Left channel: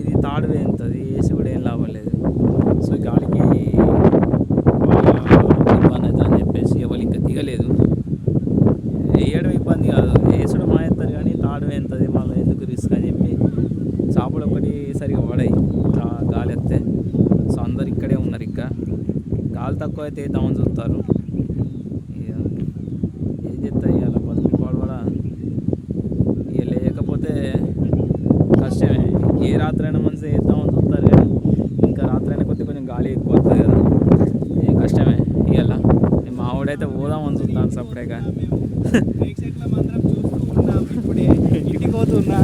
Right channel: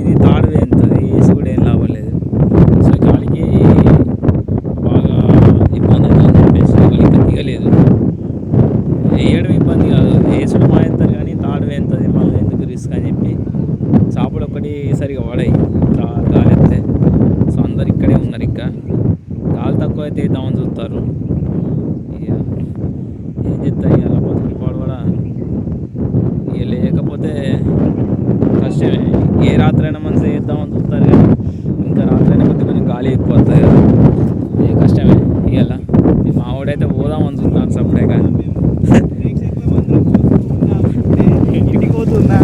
ఇది తాడు వేస్తుంది, వేసి కూడా ఏం లాభం లేదు. సో గాలికి బాగా ఇబ్బంది అవుతుంది అని చెప్పేసి వాళ్ళు ఇంకా దిగలేదు. వేయడం ఇబ్బంది కాదు, వేసడం మానేస్తారు కానీ తాడు వేస్తుంది మళ్ళీ ఎందుకు రిస్క్ అని చెప్పి చేపలు ఒక్కటి సరిగా పడాయి గాలి వస్తే. సో అందరు ఇక్కడే ఉన్నారు, ఇంకా గాలి తక్కువ అయితే వేద్దామని చూస్తారు. ఇక ఏం చెప్తాయి అలా బతుకులు పడవడా, ఇక లేకపోతే కష్టమే. ఏ రాత్రైనా మంచిగా వేద్దామని చూస్తారు కానీ ఇంకా రాత్రైనా కొంచెం గాలి ఎక్కువ వస్తుంది కదా, ఏ కష్టమే. ఇవాళ మా వాడైతే పోదామని చూస్తున్నాను సపరేట్గా. ఇంటికి పోతున్నా